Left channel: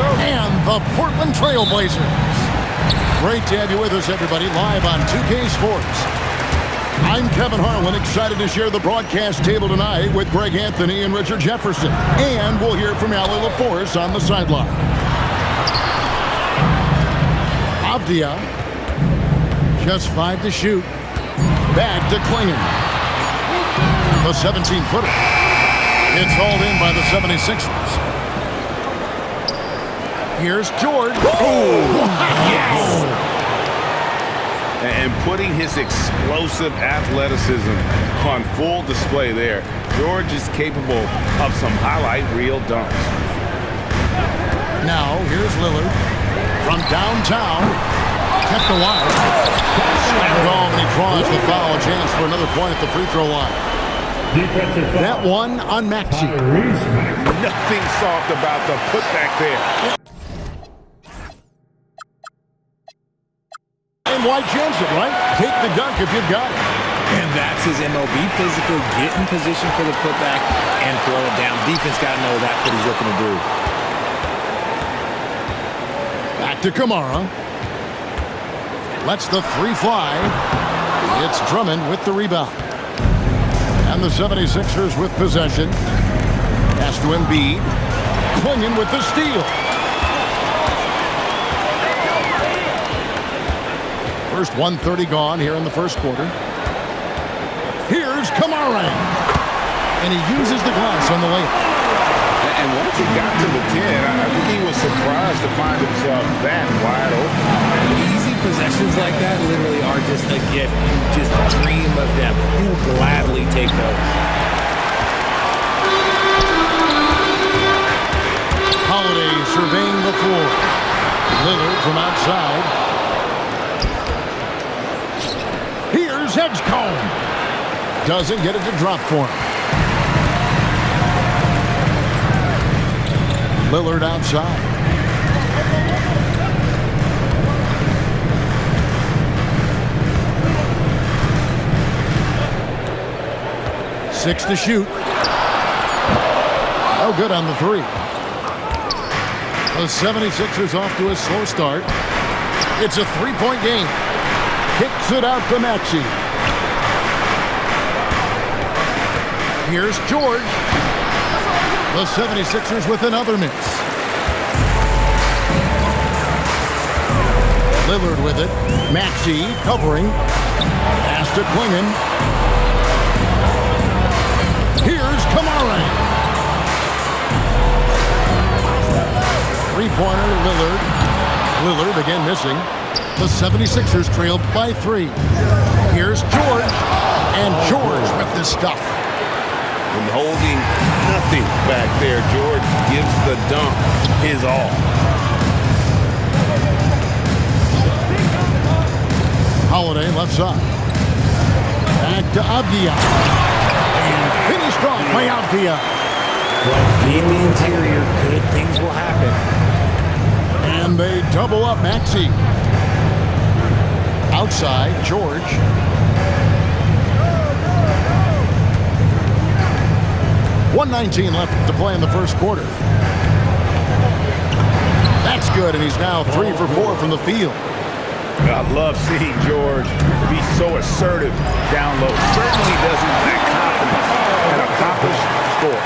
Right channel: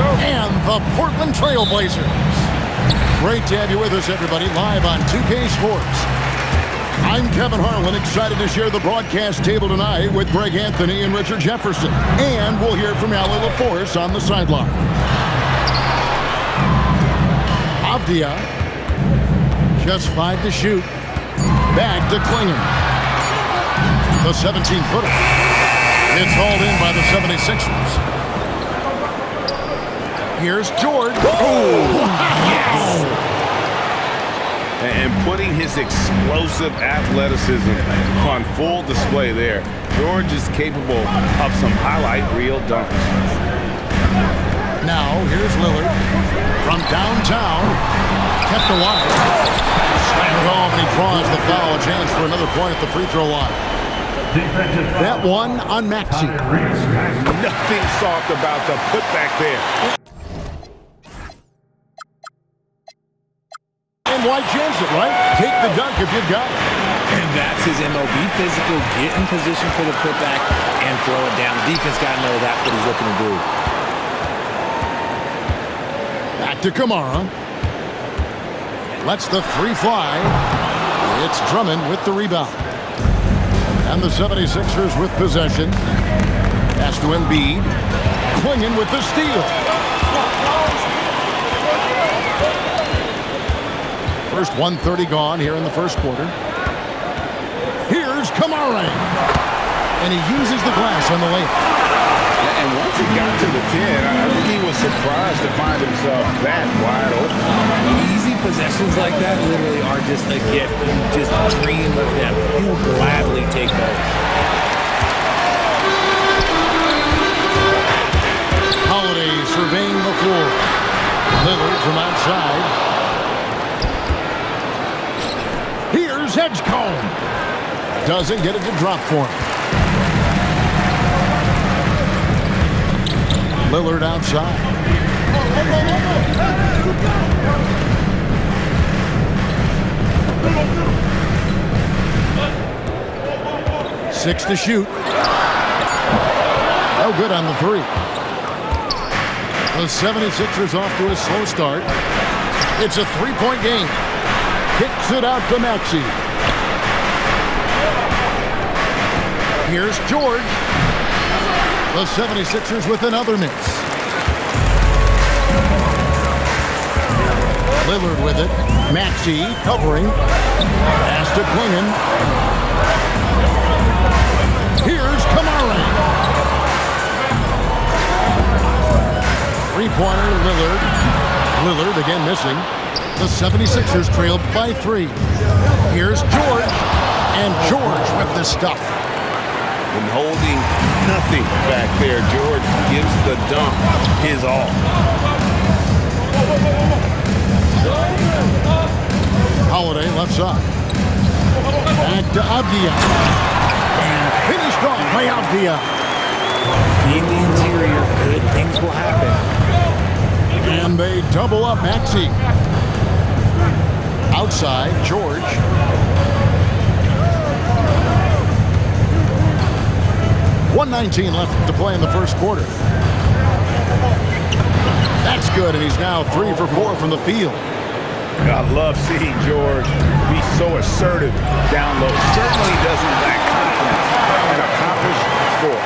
and the Portland Trailblazers. Great to have you with us, everybody, live on 2K Sports. I'm Kevin Harlan, excited to share the broadcast table tonight with Greg Anthony and Richard Jefferson. And we'll hear from Ali LaForce on the sideline. Avdia, just 5 to shoot. Back to Klingon. The 17-footer. It's hauled in by the 76ers. Here's George. Oh, yes! And putting his explosive athleticism on full display there. George is capable of some highlight reel dunks. Now, here's Lillard from downtown. Kept away. Slammed home, and he draws the foul. A chance for another point at the free throw line. Defensive foul. That one on Maxey. Nothing soft about the putback there. And why chance it, right? Take the dunk if you've got it. And that's his MO. Be physical, get in position for the putback, and throw it down. The defense got to know that's what he's looking to do. Back to Kamara. Lets the three fly. It's Drummond with the rebound. And the 76ers with possession. Pass to Embiid. Klingon with the steal. First 1:30 gone here in the first quarter. Here's Kamara. And he uses the glass on the layup. And once he got to the 10, I think he was surprised to find himself that wide open. Easy possessions like that literally are just a gift. You just dream of them. He'll gladly take those. Holiday surveying the floor. Lillard from outside. Here's Edgecombe. Doesn't get it to drop for him. Lillard outside. Six to shoot. No good on the three. The 76ers off to a slow start. It's a three-point game. Kicks it out to Maxey. Here's George. The 76ers with another miss. Lillard with it. Maxey covering. Pass to Klingon. Here's Kamara. Three-pointer, Lillard. Lillard again missing. The 76ers trail by 3. Here's George. And George with the stuff. And holding nothing back there, George gives the dunk his all. Holiday left side. Back to Avdia. And finished off by Avdia. Feed the interior. Good things will happen. And they double up Maxey. Outside, George. .119 left to play in the first quarter. That's good, and he's now 3 for 4 from the field. I love seeing George be so assertive down low. Certainly doesn't lack confidence and accomplished score.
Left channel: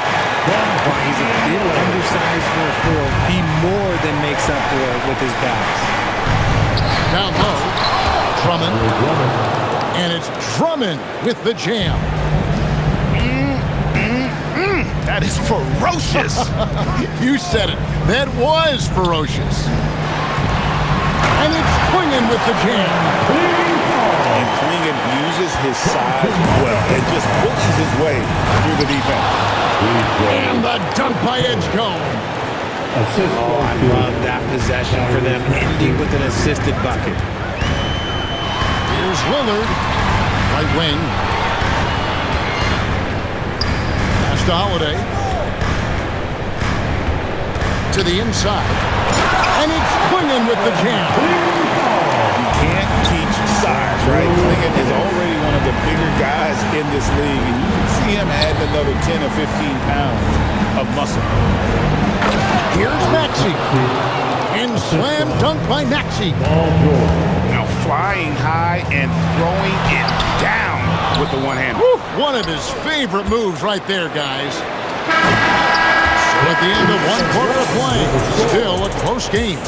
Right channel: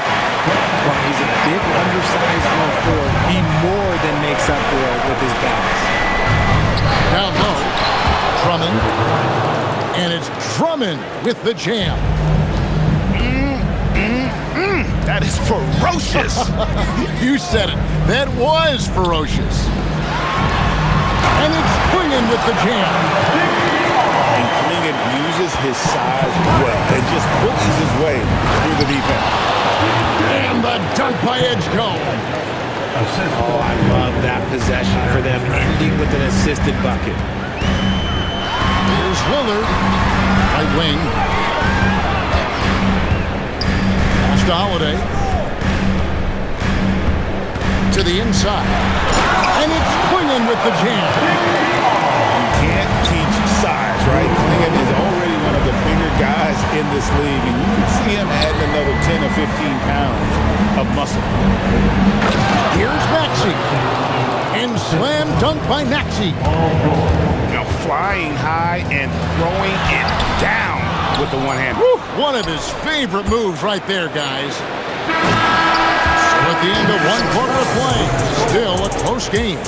While he's a bit undersized for a 4, he more than makes up for it with his bounce. Down low, Drummond. And it's Drummond with the jam. That is ferocious. You said it. That was ferocious. And it's Klingon with the jam. And Klingon uses his size well and just bullies his way through the defense. And the dunk by Edgecombe. Oh, I love that possession for them, ending with an assisted bucket. Here's Lillard, right wing. Pass to Holiday. To the inside. And it's Klingon with the jam. You can't teach size, right? Klingon is already one of the bigger guys in this league, and you can see him adding another 10 or 15 pounds of muscle. Here's Maxey. And slam dunk by Maxey. Now flying high and throwing it down with the one-hand. One of his favorite moves right there, guys. So at the end of one quarter of play, still a close game.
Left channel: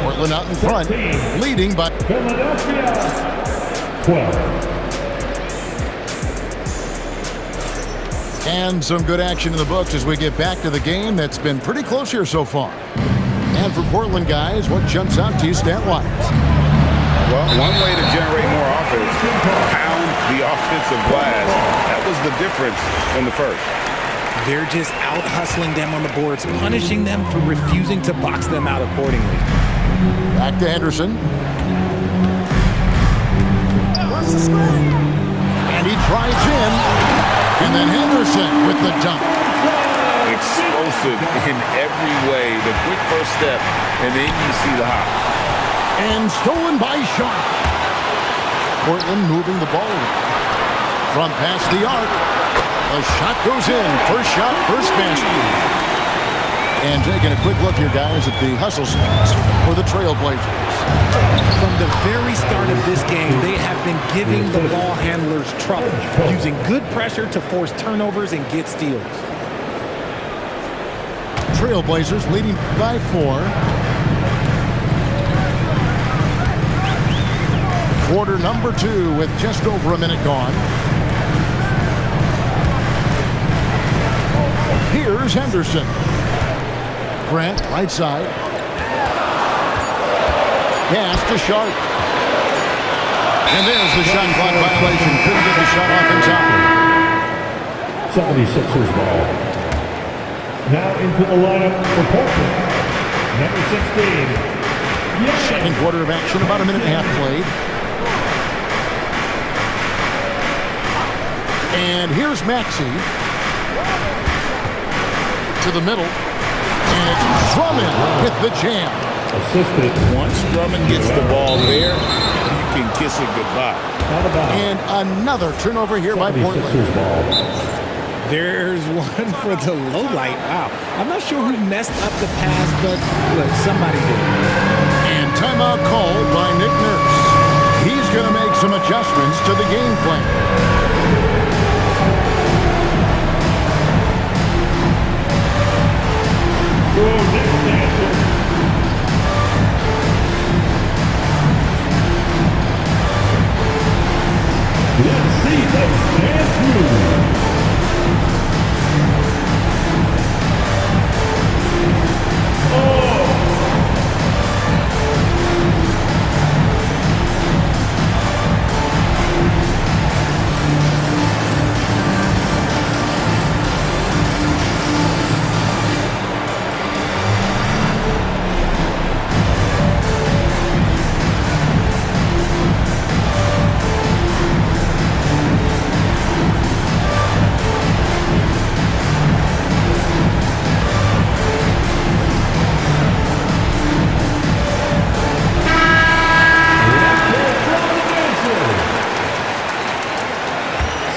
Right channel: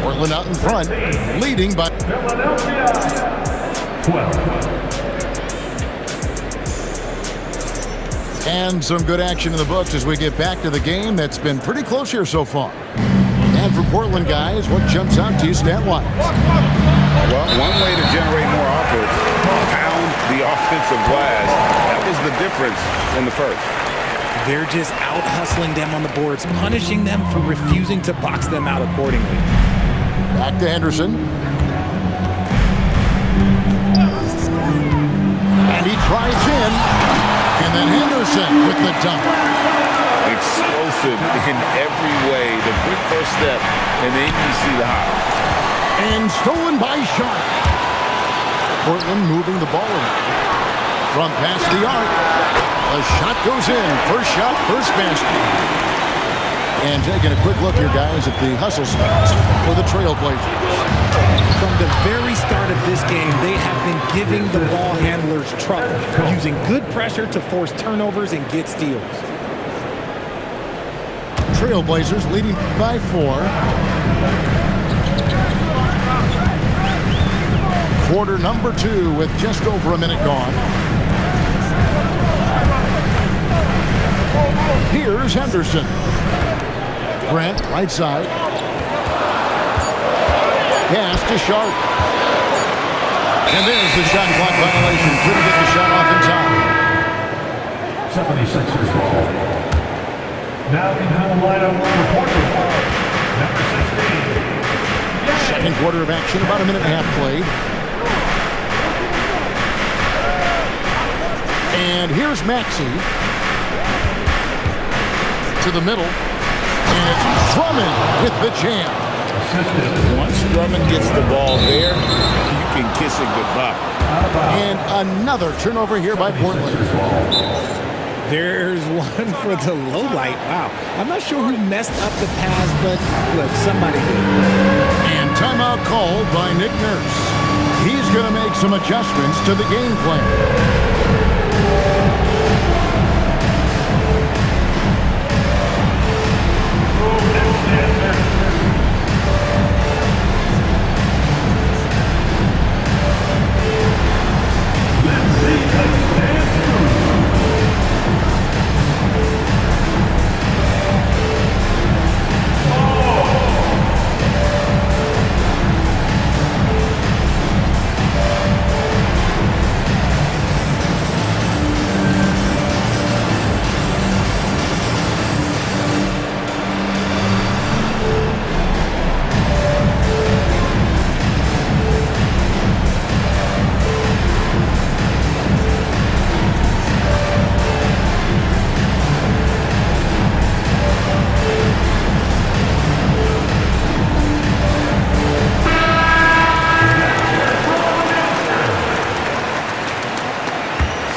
Portland out in front, leading by Philadelphia 12. And some good action in the books as we get back to the game that's been pretty close here so far. And for Portland, guys, what jumps out to you stat-wise? Well, one way to generate more offense, pound the offensive glass. That was the difference in the first. They're just out-hustling them on the boards, punishing them for refusing to box them out accordingly. Back to Henderson. And he drives in. And then Henderson with the dunk. Explosive in every way. The quick first step, and then you see the hop. And stolen by Sharp. Portland moving the ball around. From past the arc. The shot goes in. First shot, first basket. And taking a quick look here, guys, at the hustle spots for the Trailblazers. From the very start of this game, they have been giving the ball handlers trouble, using good pressure to force turnovers and get steals. Trailblazers leading by 4. Quarter number 2 with just over a minute gone. Here's Henderson. Grant, right side. Pass to Sharp. And there's the shot clock violation. Couldn't get the shot off in time. 76ers ball. Now into the lineup for Portland. Number 16. Second quarter of action, about a minute and a half played. And here's Maxey. To the middle. And it's Drummond with the jam. Assisted. Once Drummond gets the ball there, you can kiss it goodbye. And another turnover here by Portland. There's one for the low light. Wow. I'm not sure who messed up the pass, but look, somebody did. And timeout called by Nick Nurse. He's going to make some adjustments to the game plan.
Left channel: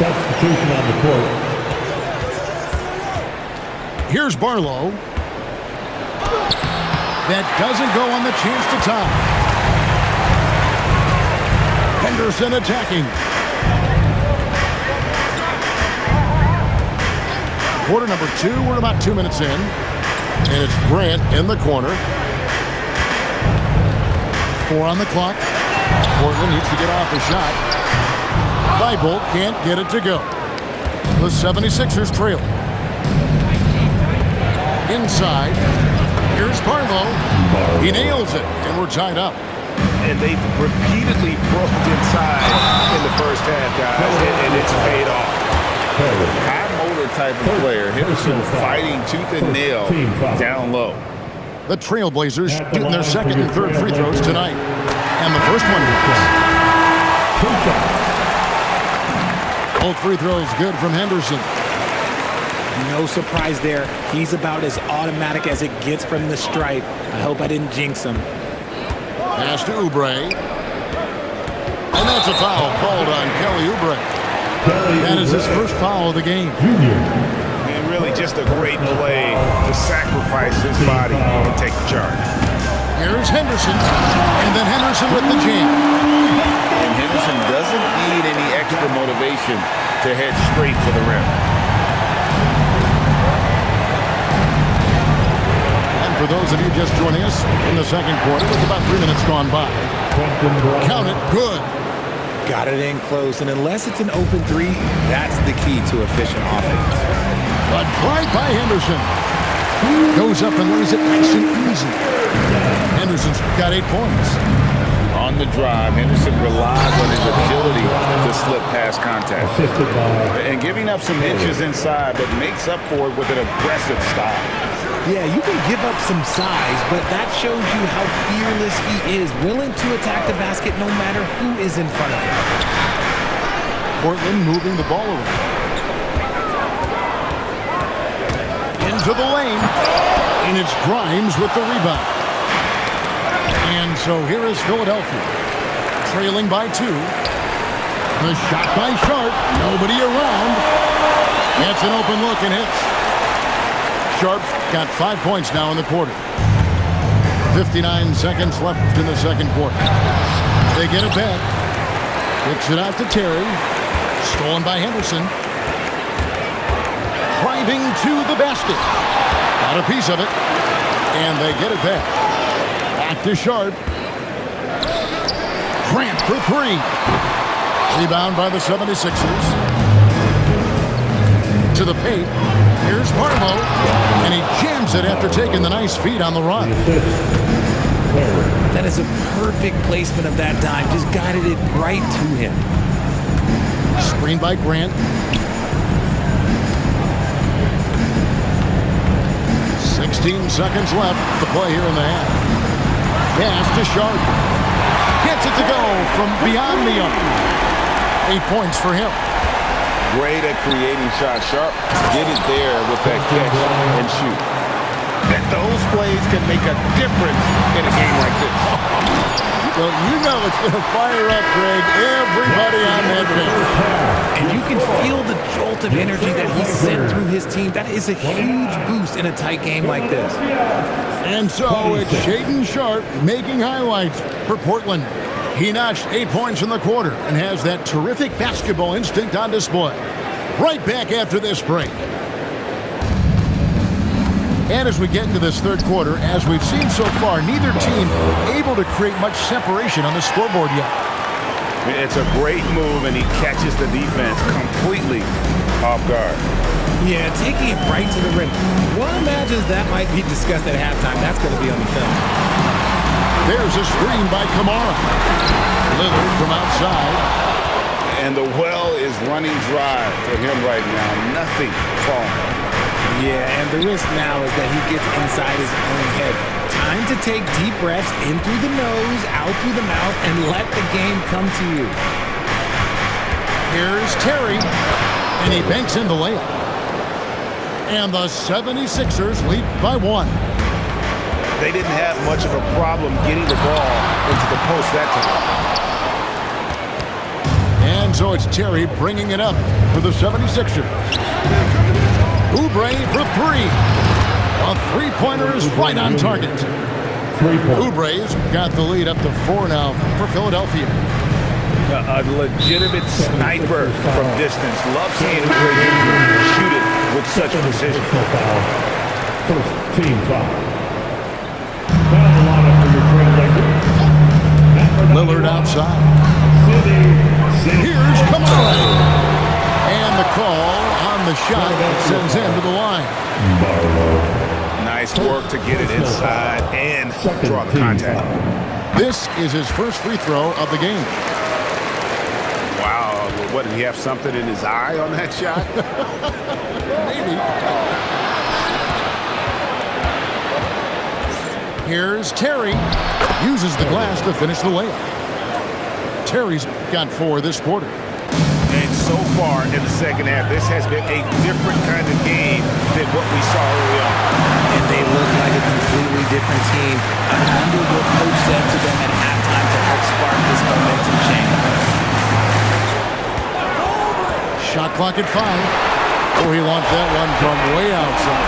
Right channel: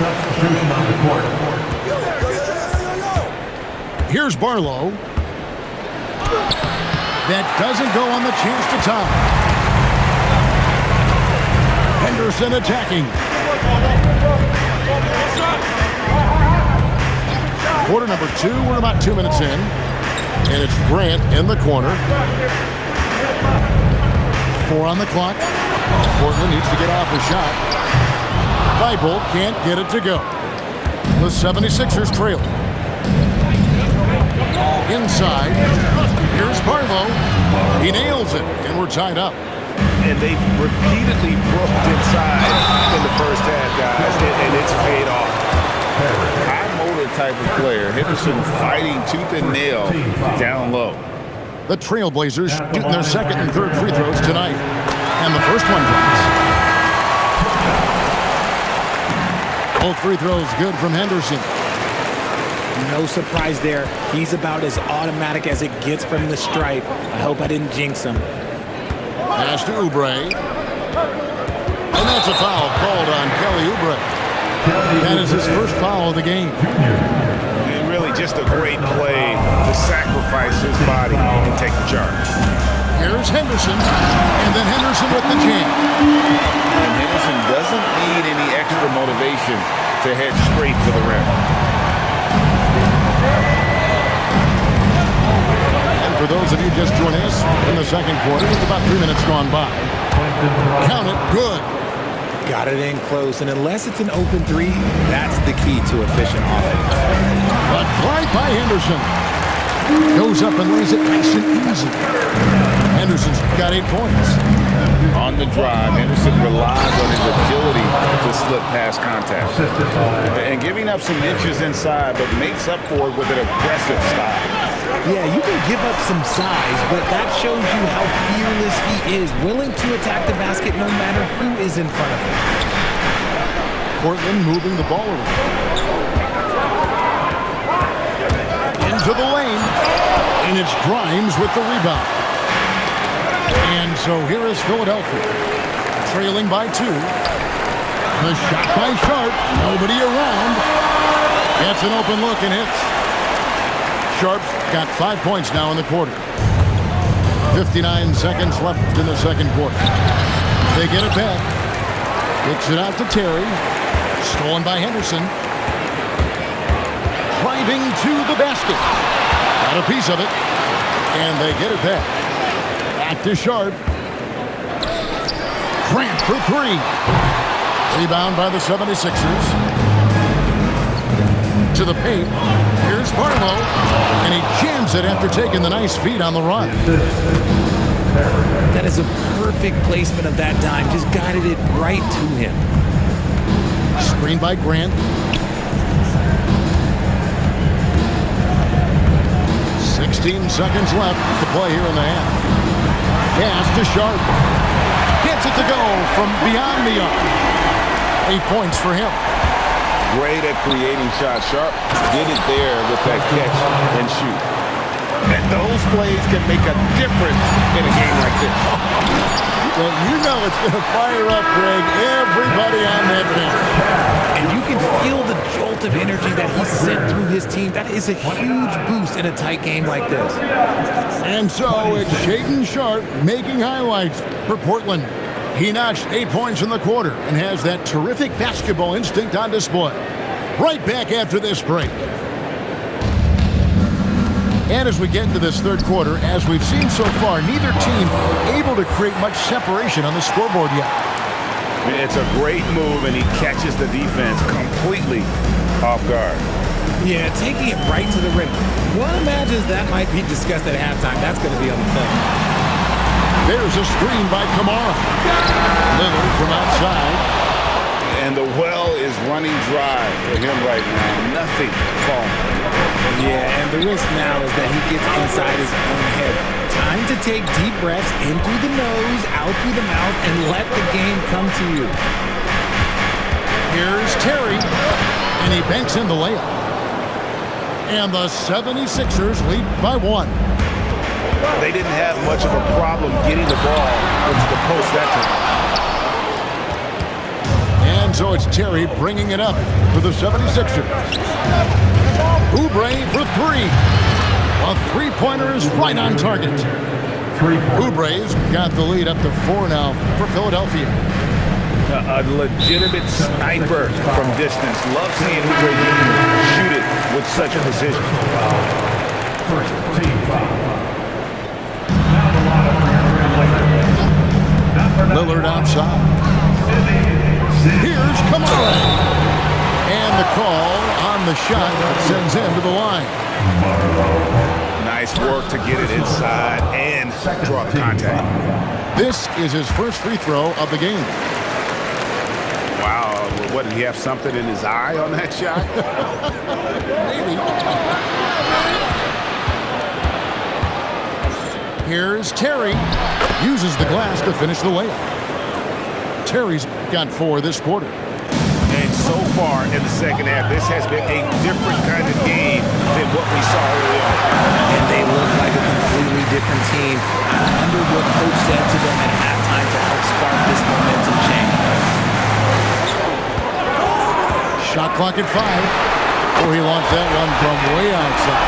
Substitution on the court. Here's Barlow. That doesn't go on the chance to tie. Henderson attacking. Quarter number 2, we're about 2 minutes in. And it's Grant in the corner. 4 on the clock. Portland needs to get off a shot. Thibault can't get it to go. The 76ers trail. Inside. Here's Barlow. He nails it, and we're tied up. And they've repeatedly broke inside in the first half, guys, and it's paid off. High motor type of player. Henderson fighting tooth and nail down low. The Trailblazers shooting their second and third free throws tonight. And the first one drops. Both free throws good from Henderson. No surprise there. He's about as automatic as it gets from the stripe. I hope I didn't jinx him. Pass to Oubre. And that's a foul called on Kelly Oubre. That is his first foul of the game. Really just a great play to sacrifice his body and take the charge. Here's Henderson, and then Henderson with the jam. And Henderson doesn't need any extra motivation to head straight for the rim. And for those of you just joining us in the second quarter, with about 3 minutes gone by, count it, good. Got it in close, and unless it's an open three, that's the key to efficient offense. But right by Henderson. Goes up and lays it nice and easy. Henderson's got 8 points. On the drive, Henderson relies on his agility to slip past contact. And giving up some inches inside, but makes up for it with an aggressive style. Yeah, you can give up some size, but that shows you how fearless he is, willing to attack the basket no matter who is in front of him. Portland moving the ball around. Into the lane, and it's Grimes with the rebound. And so here is Philadelphia, trailing by 2. The shot by Sharp, nobody around. Gets an open look and hits. Sharp's got 5 points now in the quarter. 59 seconds left in the second quarter. They get it back. Kicks it out to Terry. Stolen by Henderson. Driving to the basket. Got a piece of it. And they get it back. Back to Sharp. Grant for 3. Rebound by the 76ers. To the paint. Here's Barlow. And he jams it after taking the nice feed on the run. That is a perfect placement of that dime. Just guided it right to him. Screen by Grant. 16 seconds left to play here in the half. Pass to Sharp. Gets it to go from beyond the arc. 8 points for him. Great at creating shots. Sharp did it there with that catch and shoot. And those plays can make a difference in a game like this. Well, you know it's going to fire up, Greg, everybody on that bench. And you can feel the jolt of energy that he sent through his team. That is a huge boost in a tight game like this. And so it's Shaedon Sharp making highlights for Portland. He notched 8 points in the quarter and has that terrific basketball instinct on display. Right back after this break. And as we get into this third quarter, as we've seen so far, neither team able to create much separation on the scoreboard yet. It's a great move, and he catches the defense completely off guard. Yeah, taking it right to the rim. One imagines that might be discussed at halftime. That's going to be on the film. There's a screen by Kamara. Lillard from outside. And the well is running dry for him right now. Nothing falling. Yeah, and the risk now is that he gets inside his own head. Time to take deep breaths in through the nose, out through the mouth, and let the game come to you. Here's Terry, and he banks in the layup. And the 76ers lead by 1. They didn't have much of a problem getting the ball into the post that time. And so it's Terry bringing it up for the 76ers. Oubre for 3. A three-pointer is right on target. Oubre's got the lead up to 4 now for Philadelphia. A legitimate sniper from distance. Love seeing Oubre Jr. shoot it with such precision. First team foul. Now the lineup for your Trailblazers. Lillard outside. Here's Kamara. And the call on the shot that sends him to the line. Nice work to get it inside and draw the contact. This is his first free throw of the game. Wow, what, did he have something in his eye on that shot? Maybe. Here's Terry. Uses the glass to finish the layup. Terry's got 4 this quarter. And so far in the second half, this has been a different kind of game than what we saw early on. And they look like a completely different team. I wonder what coach said to them at halftime to help spark this momentum change. Shot clock at 5. Oh, he launched that one from way outside.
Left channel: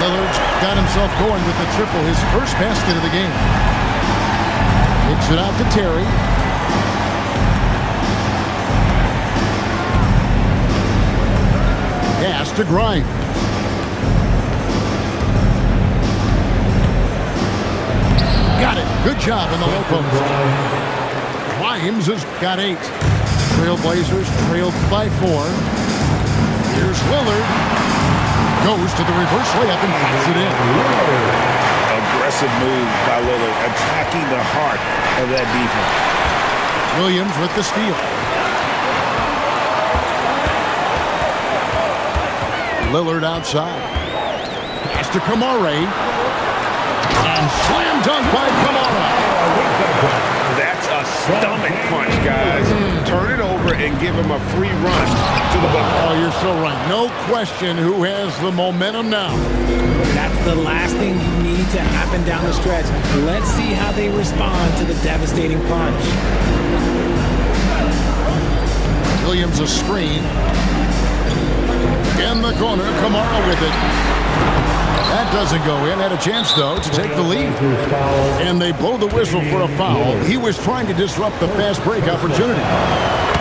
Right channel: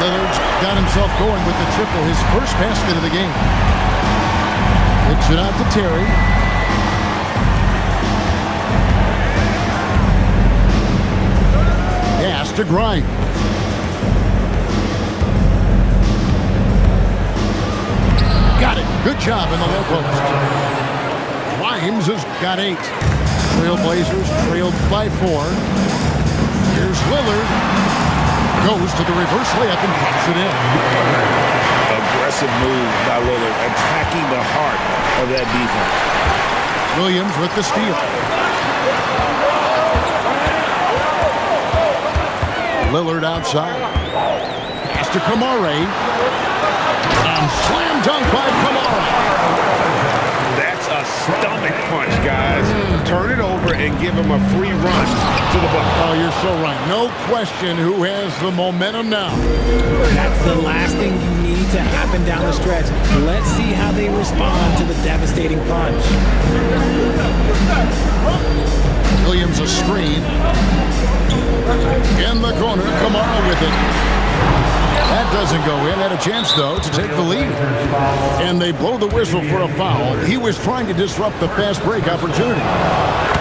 Lillard's got himself going with the triple, his first basket of the game. Kicks it out to Terry. Pass to Grimes. Got it. Good job in the low post. Grimes has got 8. Trailblazers trailed by 4. Here's Lillard. Goes to the reverse layup and drops it in. Aggressive move by Lillard, attacking the heart of that defense. Williams with the steal. Lillard outside. Pass to Kamara. And slam dunk by Kamara. That's a stomach punch, guys. Turn it over and give him a free run to the bucket. Oh, you're so right. No question who has the momentum now. That's the last thing you need to happen down the stretch. Let's see how they respond to the devastating punch. Williams a screen. In the corner, Kamara with it. That doesn't go in. Had a chance, though, to take the lead. And they blow the whistle for a foul. He was trying to disrupt the fast break opportunity.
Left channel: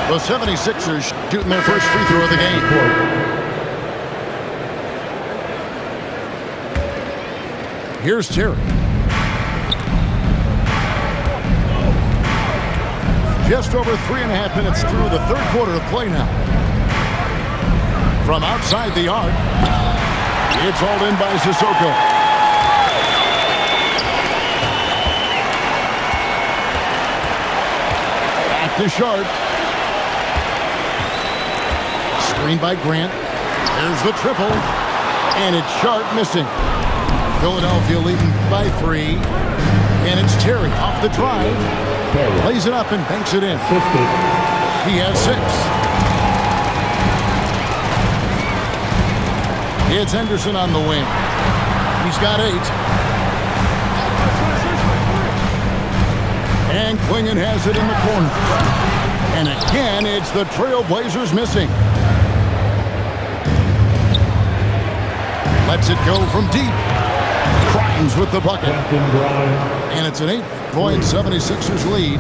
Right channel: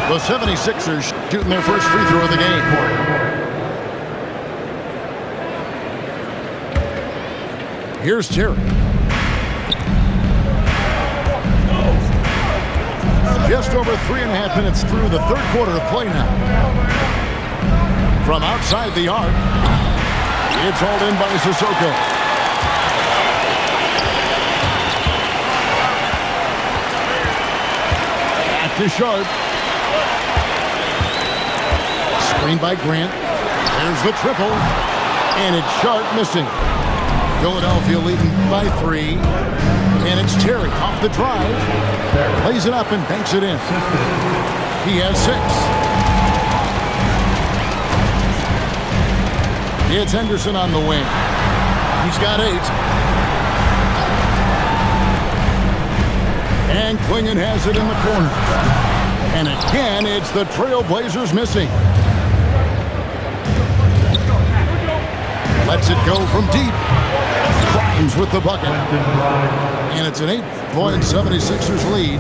The 76ers shooting their first free throw of the game. Here's Terry. Just over 3.5 minutes through the third quarter of play now. From outside the arc, it's hauled in by Sissoko. Back to Sharp. Screened by Grant. There's the triple. And it's Sharp missing. Philadelphia leading by 3. And it's Terry off the drive. Lays it up and banks it in. He has 6. It's Henderson on the wing. He's got 8. And Klingon has it in the corner. And again, it's the Trailblazers missing. Lets it go from deep. Grimes with the bucket. And it's an 8-point 76ers lead.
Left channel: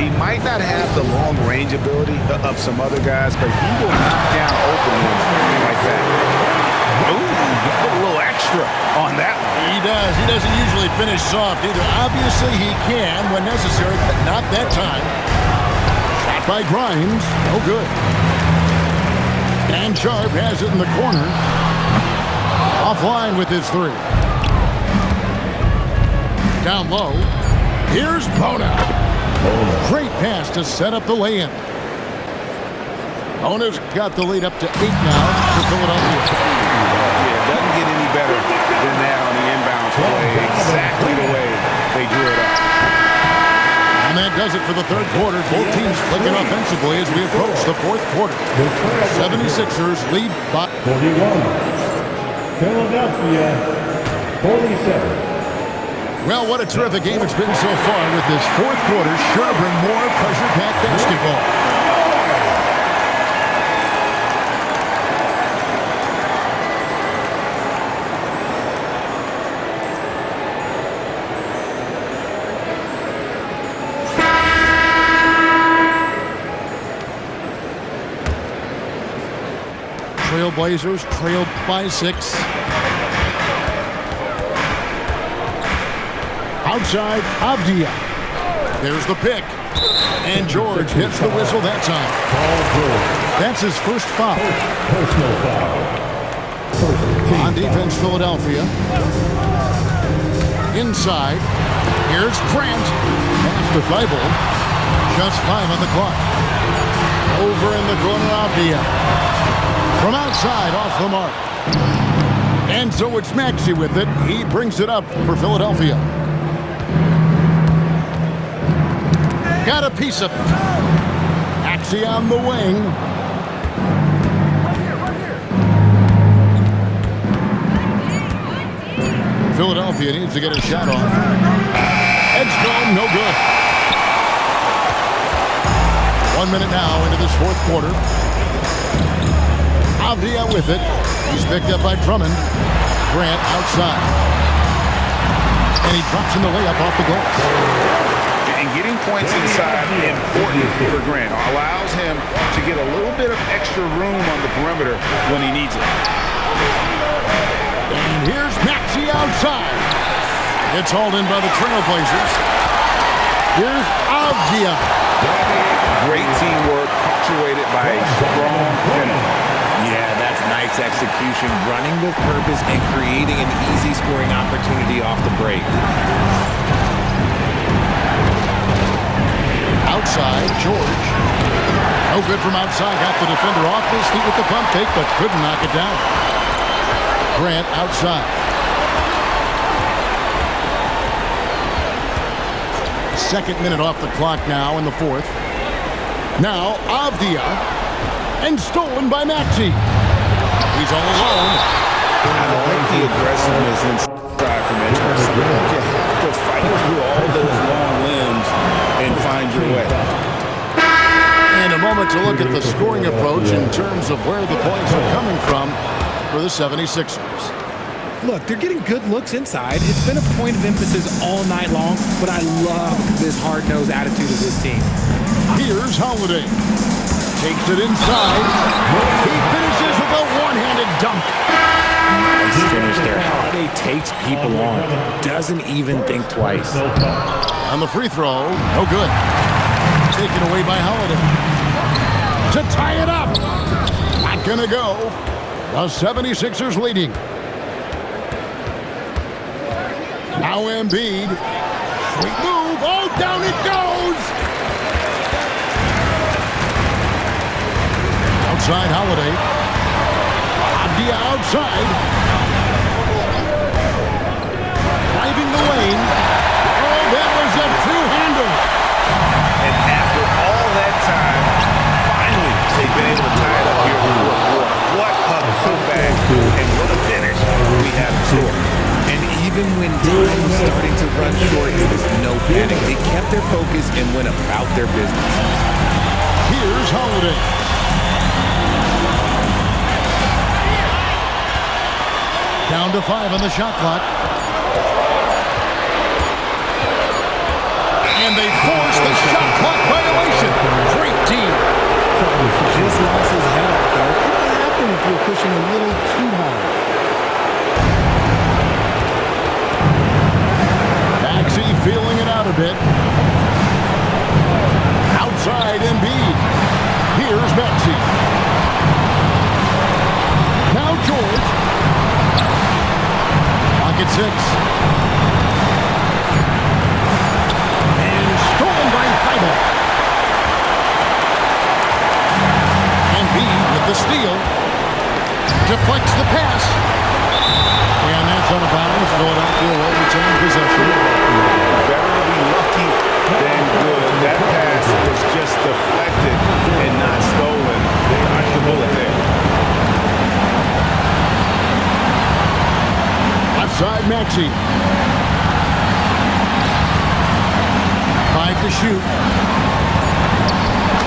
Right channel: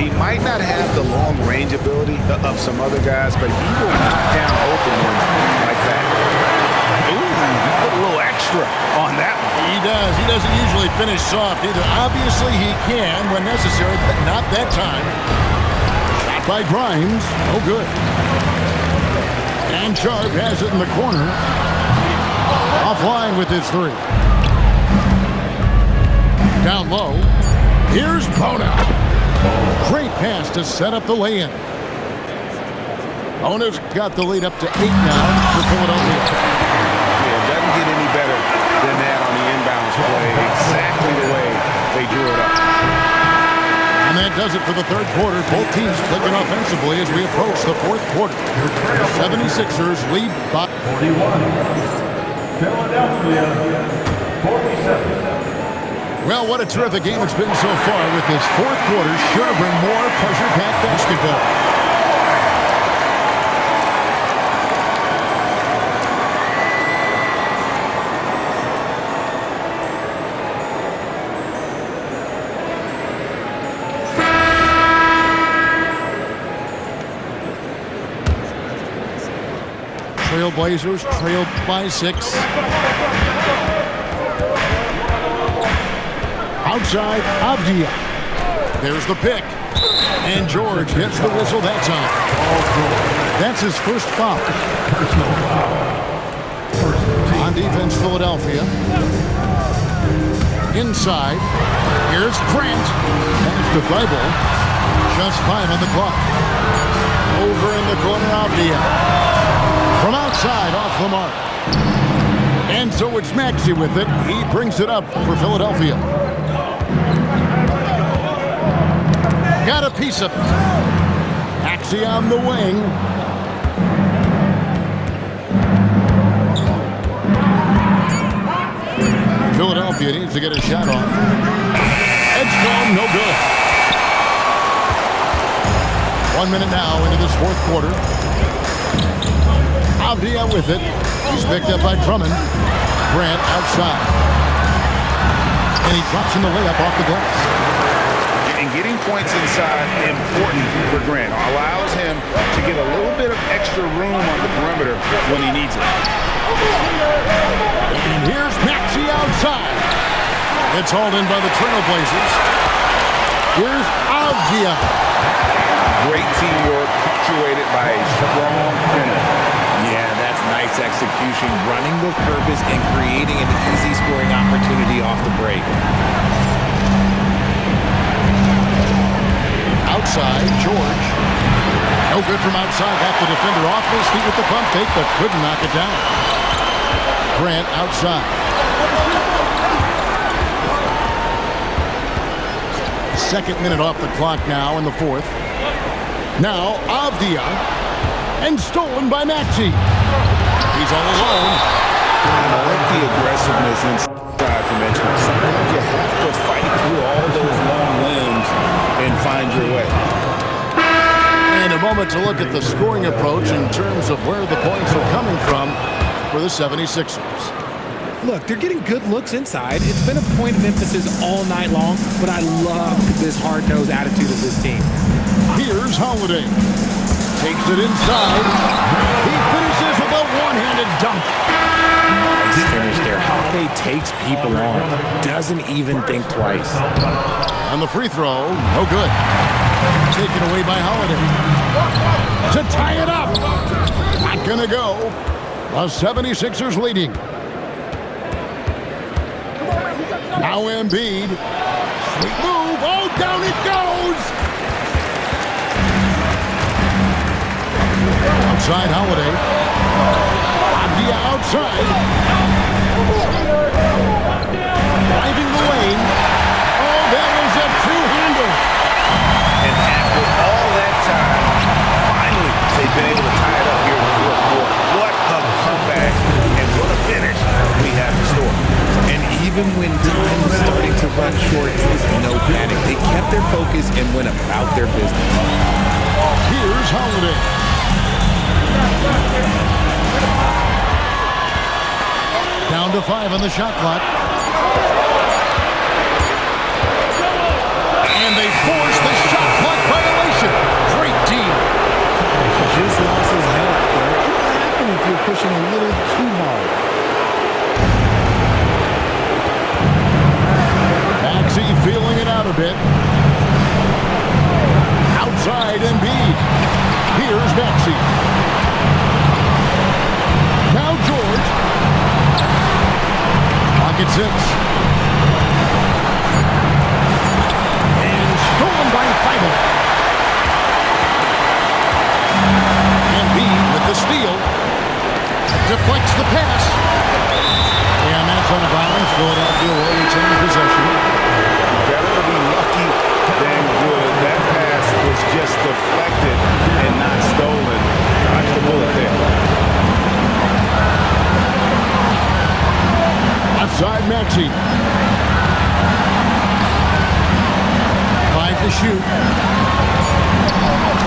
He might not have the long-range ability of some other guys, but he will knock down open ones like that. Ooh, you put a little extra on that one. He does. He doesn't usually finish soft either. Obviously, he can when necessary, but not that time. Shot by Grimes. No good. And Sharp has it in the corner. Offline with his 3. Down low. Here's Bona. Great pass to set up the lay-in. Bona's got the lead up to 8 now for Philadelphia. Yeah, it doesn't get any better than that on the inbounds play. Exactly the way they drew it up. And that does it for the third quarter. Both teams clicking offensively as we approach the fourth quarter. 76ers lead by 41. Philadelphia 47. Well, what a terrific game it's been so far with this fourth quarter. Sure to bring more pressure-packed basketball. Trailblazers trailed by 6. Outside, Avdia. There's the pick. And George gets the whistle that time. That's his first foul. Personal foul. On defense, Philadelphia. Inside. Here's Grant. Pass to Thibault. Just 5 on the clock. Over in the corner, Avdia. From outside, off the mark. And so it's Maxey with it. He brings it up for Philadelphia. Got a piece of it. Maxey on the wing. Philadelphia needs to get a shot off. Edgecombe, no good. 1 minute now into this fourth quarter. Avdia with it. He's picked up by Drummond. Grant outside. And he drops in the layup off the glass. And getting points inside important for Grant. Allows him to get a little bit of extra room on the perimeter when he needs it. And here's Maxey outside. It's hauled in by the Trailblazers. Here's Avdia. Great teamwork punctuated by a strong finish. Yeah, that's nice execution, running with purpose and creating an easy scoring opportunity off the break. Outside, George. No good from outside. Got the defender off his feet with the pump fake, but couldn't knock it down. Grant outside. Second minute off the clock now in the fourth. Now Avdia. And stolen by Maxey. He's all alone. I like the aggressiveness inside from Edgeman. Sometimes you have to fight through all those long limbs and find your way. And a moment to look at the scoring approach in terms of where the points are coming from for the 76ers. Look, they're getting good looks inside. It's been a point of emphasis all night long, but I love this hard-nosed attitude of this team. Here's Holiday. Takes it inside. He finishes with a one-handed dunk. Nice finish there. Holiday takes people on. Doesn't even think twice. On the free throw, no good. Taken away by Holiday. To tie it up. Not gonna go. The 76ers leading. Now Embiid. Sweet move. Oh, down it goes. Outside Holiday. Avdia outside. Driving the lane. Oh, that was a two-hander. And after all that time, finally, they've been able to tie it up here in the fourth quarter. What a comeback and what a finish we have in store. And even when time was starting to run short, there was no panic. They kept their focus and went about their business. Here's Holiday. Down to 5 on the shot clock. And they force the shot clock violation. Great team. Just lost his head up there. It'll happen if you're pushing a little too hard. Maxey feeling it out a bit. Outside Embiid. Here's Maxey. Now George. Pocket 6. And stolen by Thibault. Embiid with the steal. Deflects the pass. And that's out of bounds. Philadelphia will retain possession. Better to be lucky than good. That pass was just deflected and not stolen. Dodged the bullet there. Left side, Maxey. 5 to shoot.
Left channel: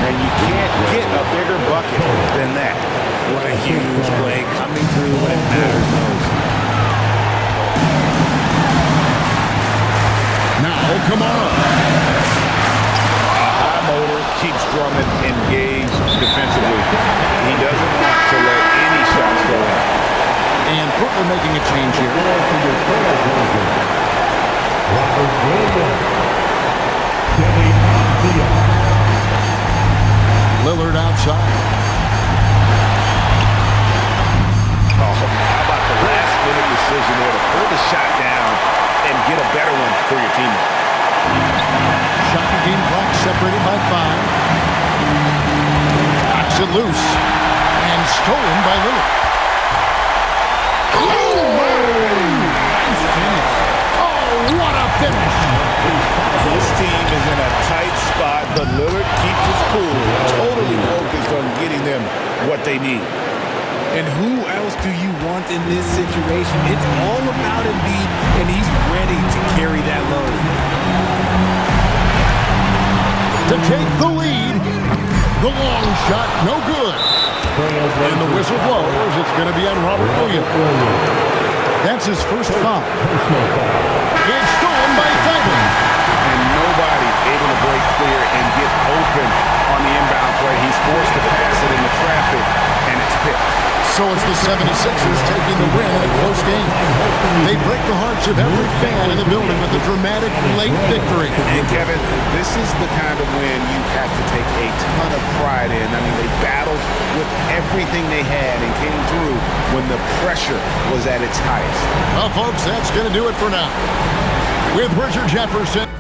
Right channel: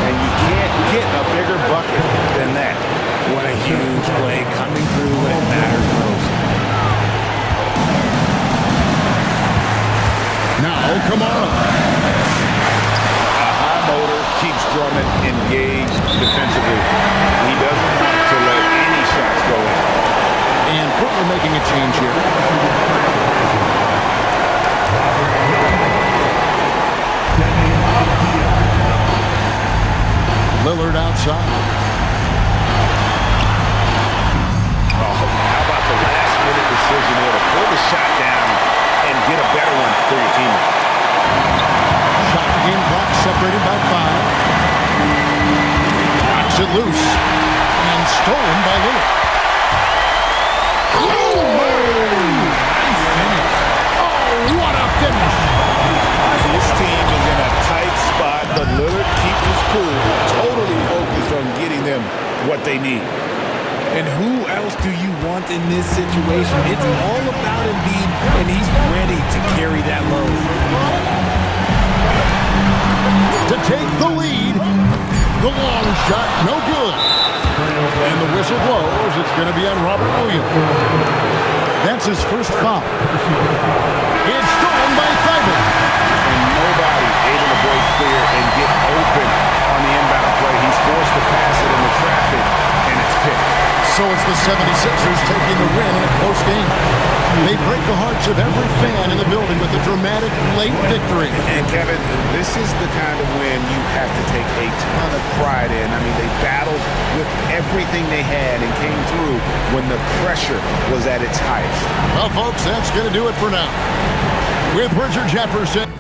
And you can't get a bigger bucket than that. What a huge play coming through when it matters most. Now, Kamara. A high motor keeps Drummond engaged defensively. He doesn't want to let any shots go in. And Portland making a change here. Lillard outside. Oh, how about the last-minute decision there to pull the shot down and get a better one for your teammate? Shot and game clock separated by 5. Knocks it loose. And stolen by Lillard. Nice finish. Oh, what a finish. This team is in a tight spot, but Lillard keeps his cool, totally focused on getting them what they need. And who else do you want in this situation? It's all about Embiid, and he's ready to carry that load. To take the lead. The long shot, no good. And the whistle blows. It's going to be on Robert Williams. That's his first foul. It's stolen by Thibault. And nobody able to break clear and get open on the inbound play. He's forced to pass it into traffic, and it's picked. So it's the 76ers taking the win in a close game. They break the hearts of every fan in the building with a dramatic late victory. And Kevin, this is the kind of win you have to take a ton of pride in. I mean, they battled with everything they had and came through when the pressure was at its highest. Well, folks, that's going to do it for now. With Richard Jefferson.